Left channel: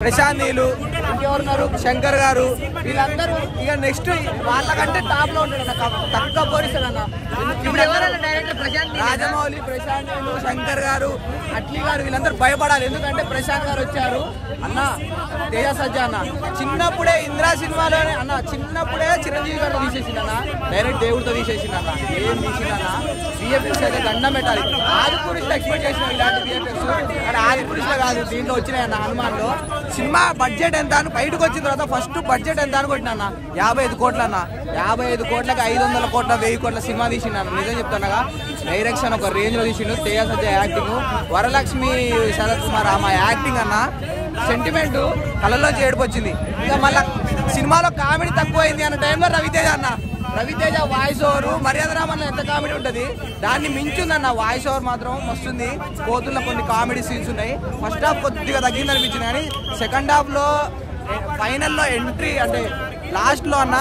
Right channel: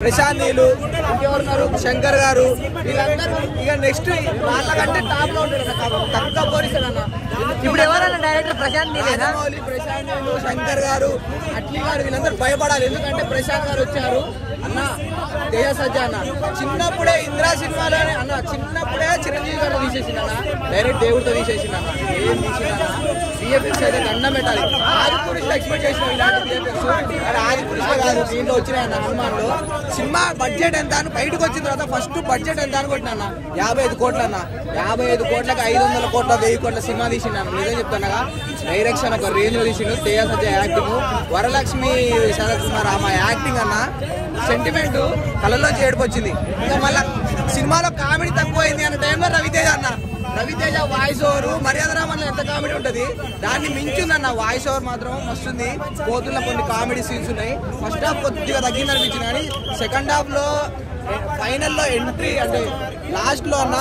ప్రశాంత్ నీళ్ళు ఇంకెవరున్నారు శంకర్ గారు వీళ్ళందరూ ఇక నెక్స్ట్ వాళ్ళకంటే టాప్ లో ఉంటాడు తక్కువ పోలిస్తాడన్న రాజమౌళి ప్రశాంత్ నీళ్ళు శంకర్ గారు అట్లీ గారు వీళ్ళందరూ భయపడాలి ఎందుకంటే ప్రశాంత్ గారు వచ్చారు అన్న తేజ సజ్జా అన్న చిన్నప్పుడే ఇంద్రా సినిమాలో అన్న చిన్నప్పుడే చిరంజీవి గారిని తీసేసింది అన్న డైరెక్ట్ దేవుడితో తీసేసింది అన్న ఏం తీసిందన్న విఎఫ్ఎక్స్ అయితే దండం పెట్టాలి ఆదిపురుషులు ఎక్స్పెక్ట్ చేసిన ఇలాంటి విఎఫ్ఎక్స్ అది ఆదిపురుషులు కాదు దీంట్లో వచ్చినాయన్న హనుమాన్ లో సినిమా బడ్జెట్ ఎంత అని బయటకు వచ్చిన తర్వాత ఫస్ట్ బడ్జెట్ ఎంత అని కొట్టినా 55 కోట్ల అన్న 55 కోట్లకి 500 కోట్ల 1000 కోట్ల సినిమా తీసిండు నిజం చెప్తానగా డైరెక్షన్ ఒక రేంజ్ లో తీసిండు తేజ సజ్జా యాక్టింగ్ వరలక్ష్మి శరత్ కుమార్ ఆమె యాక్టింగ్ అన్న సెంటిమెంట్ కళ్ళలో చేడుకొచ్చింది ఇంకా మళ్ళా సినిమాలో కామెడీ తక్కువైంది అన్న టైంలో రవితేజ వాయిస్ ఓవర్ మర్యాద రామన్న ఎంత కామెడీ ఉంటది దాన్ని మించుందన్న వాయిస్ ఓవర్ మాత్రం వస్తుంది పోతున్న కొన్ని కామెడీ సీన్స్ ఉన్నాయి ఫస్ట్ హాఫ్ కొద్దిగా తగ్గింది అనిపించింది కానీ సెకండ్ హాఫ్ లో ఫైనల్ లో ఎంట్రీ అంటే లాస్ట్ లో అన్న